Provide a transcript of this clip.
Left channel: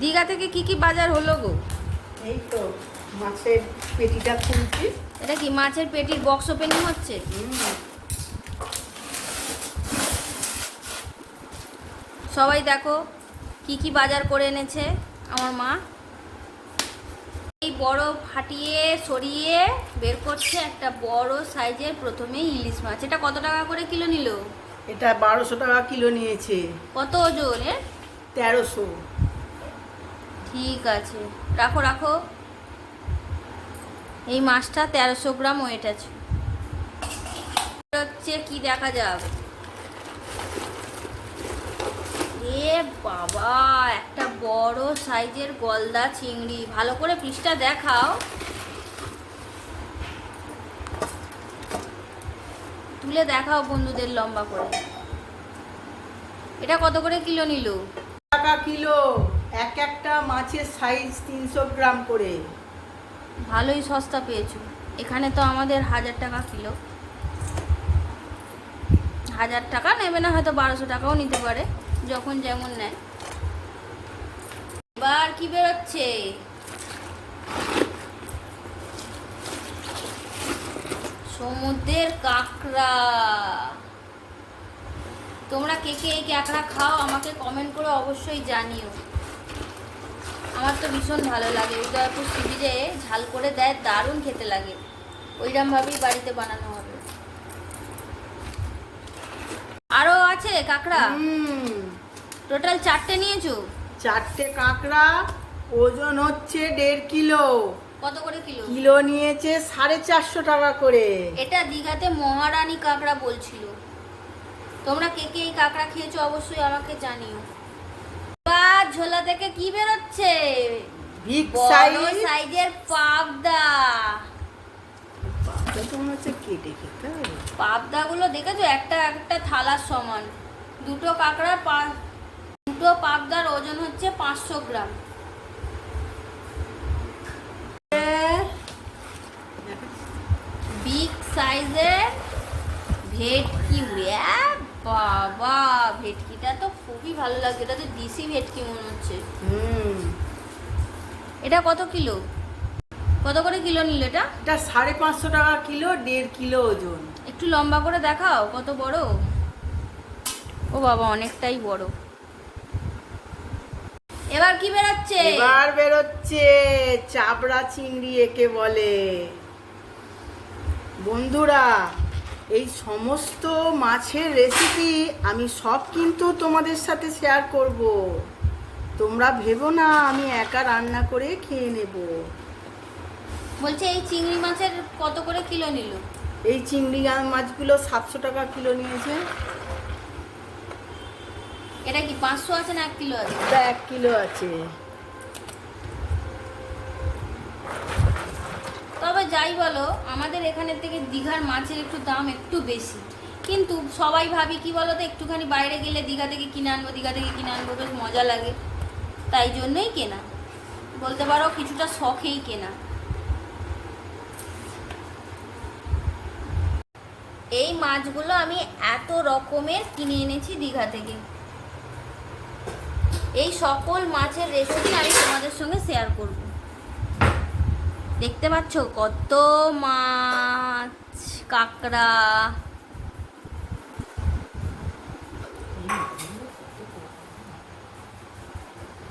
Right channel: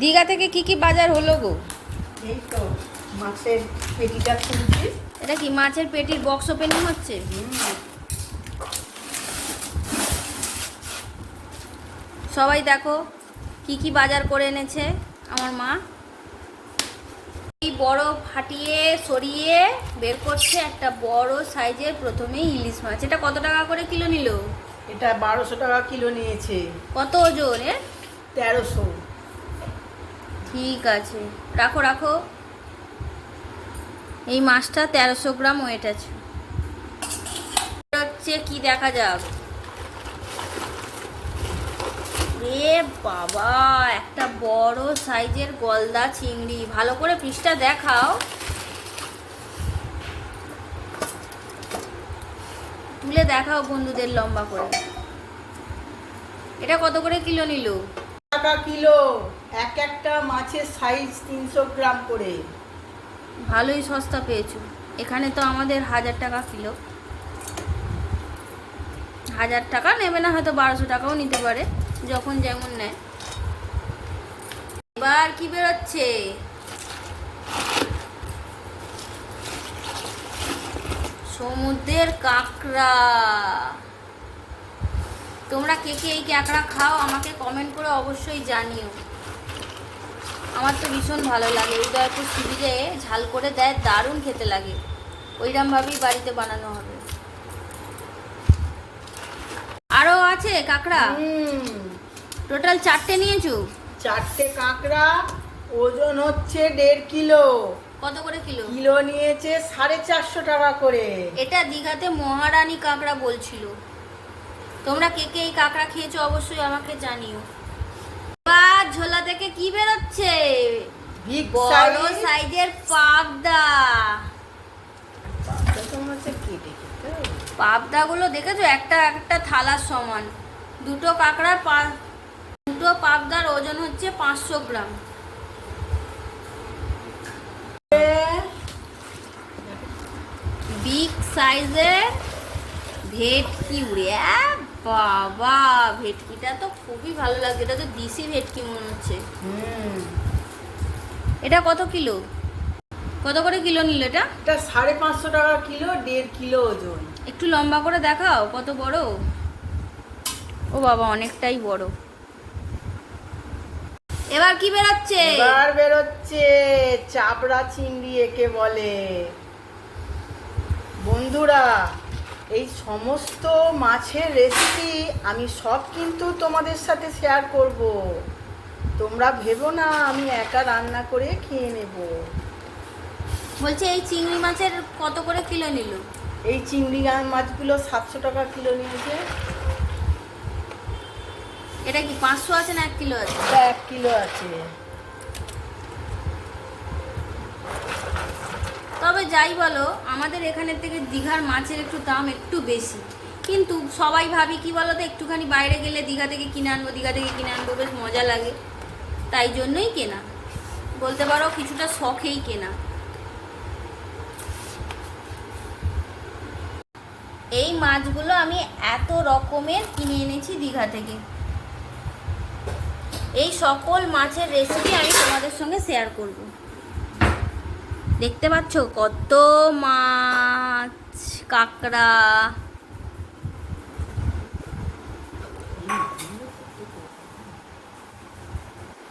দীঘা থেকে কি কি বাজার হলো গো? এই তো মাছের পেটিটা খুলছি। এটা কি মাছের পেটির বক্স ওপেনিং হচ্ছে? সবাই দেখো কি কি বাজার করে এনেছে আমার মা। এই বরফ ফাটিয়ে সরিয়ে বের করছে একটা বড় সাইজের প্রথমে ইলিশ মাছ। এটা কত টাকা করে কিলো নিল? এটা বারোশো টাকা কিলো নিয়েছে। কত ওজন এর? তেরোশো। ঠিক আছে। রাখো রাখো। এই মাছটা তেরোশো গ্রাম ওয়েট আছে। হচ্ছে কি দেখা যাক। এ বাবা, একটা বড় সাইজের গলদা চিংড়ি। ভালো করে পিসটা দেখাও। তুলে দেখাও বন্ধুদের লম্বা করে। এটা কত করে কিলো নিল? টাকা কিলো। এক একটা মাছের সাইজ তিনশো গ্রাম করে। ভালোই সস্তা পেয়েছ। এখানে তো আমাদের হাজার টাকা কিলো। হাজার টাকা নেবে না, হয়তো বারোশো টাকাও নিতে পারে, যখন যেমন নেয়। এবার কি বেরোচ্ছে? সমুদ্রের কাঁকড়া। তোমরা কে কে এই কাঁকড়া খাও, আমাকে কমেন্ট করে অবশ্যই জানিও। আমার তো ভীষণ ভালো লাগে। উদয়পুর সিরিজে ঝাল করে দেয় দারুণ খেতে লাগে। ওইরকমভাবেই বাড়িতে বানানো হবে। আরও আছে কাঁকড়া? হুম, টোটাল চারটে নিয়েছো? চারটে কাঁকড়া ওজন হচ্ছে দেড় কিলো। কত করে কিলো? কিলো নিয়েছে সাড়ে চারশো টাকা করে। এটা দীঘাতে মহারানী কাঁকড়া বলছিল। তোমরা কে কে এই কাঁকড়া খেয়েছো অবশ্যই আমাকে জানিও। ঝোলা থেকে কি বেরোচ্ছে? বড় সাইজের পাবদা। কেটে পাবদাগুলো দেখেছ? একটা একটা থালার সমান। দুটো কাঁকড়ার দুটো পাবদার ওজন হচ্ছে পাঁচশো গ্রাম। বিগ সাইজের ভেটকি উড়ে বাবা ভেটকিটা তো খুবই ভালো লাগছে। এটা তো দেশি ভেটকি মনে হচ্ছে। হুম। এটা কত কিলো? কত করে কিলো নিল এটা? এটা সাড়ে পাঁচশো টাকা কিলো দেড় কিলো ওজন। একটু লম্বা করে দেখাও কত বড়? ও বাবা অনেকটাই বড়। এবার কি বেরাচ্ছে? এবার বেরোচ্ছে চাপড়া চিংড়ি একে বলে। বন্ধুরা এই সমস্ত মাছের রেসিপি আমি সব কিন্তু তোমাদের সাথে শেয়ার করব। তোমরা ভেবো না আমি একা রান্না করে খেয়ে নেব। বলছে এই চিংড়ি মাছের কত করে কিলো নিল? এই চিংড়ি মাছগুলো সাতশো টাকা কিলো নিয়েছে। এটা কি পাঁচশো আছে না এক কিলো আছে? এক কিলো আছে। তবে যাই বলো, আমাদের এখানের থেকে দীঘার মাছের একটু দাম একটু বেশি। কিন্তু সবাই ভাবি, কি বলো তো একটুখানি বাইরে গেলে দীঘা থেকে কিনে আনব, দীঘা থেকে কিনে আনব, বেশ মজা লাগে। তাই জন্যই কেনা। বলতে পারো, কিছুটা শখেই কেনা। এই মাছগুলো আমি এত রকমের কিনে এনেছি দীঘা থেকে। এই সকল মাছের রেসিপি আমি তোমাদের সঙ্গে শেয়ার করব। দেখতে পাচ্ছ কত মাছ কাঁকড়া।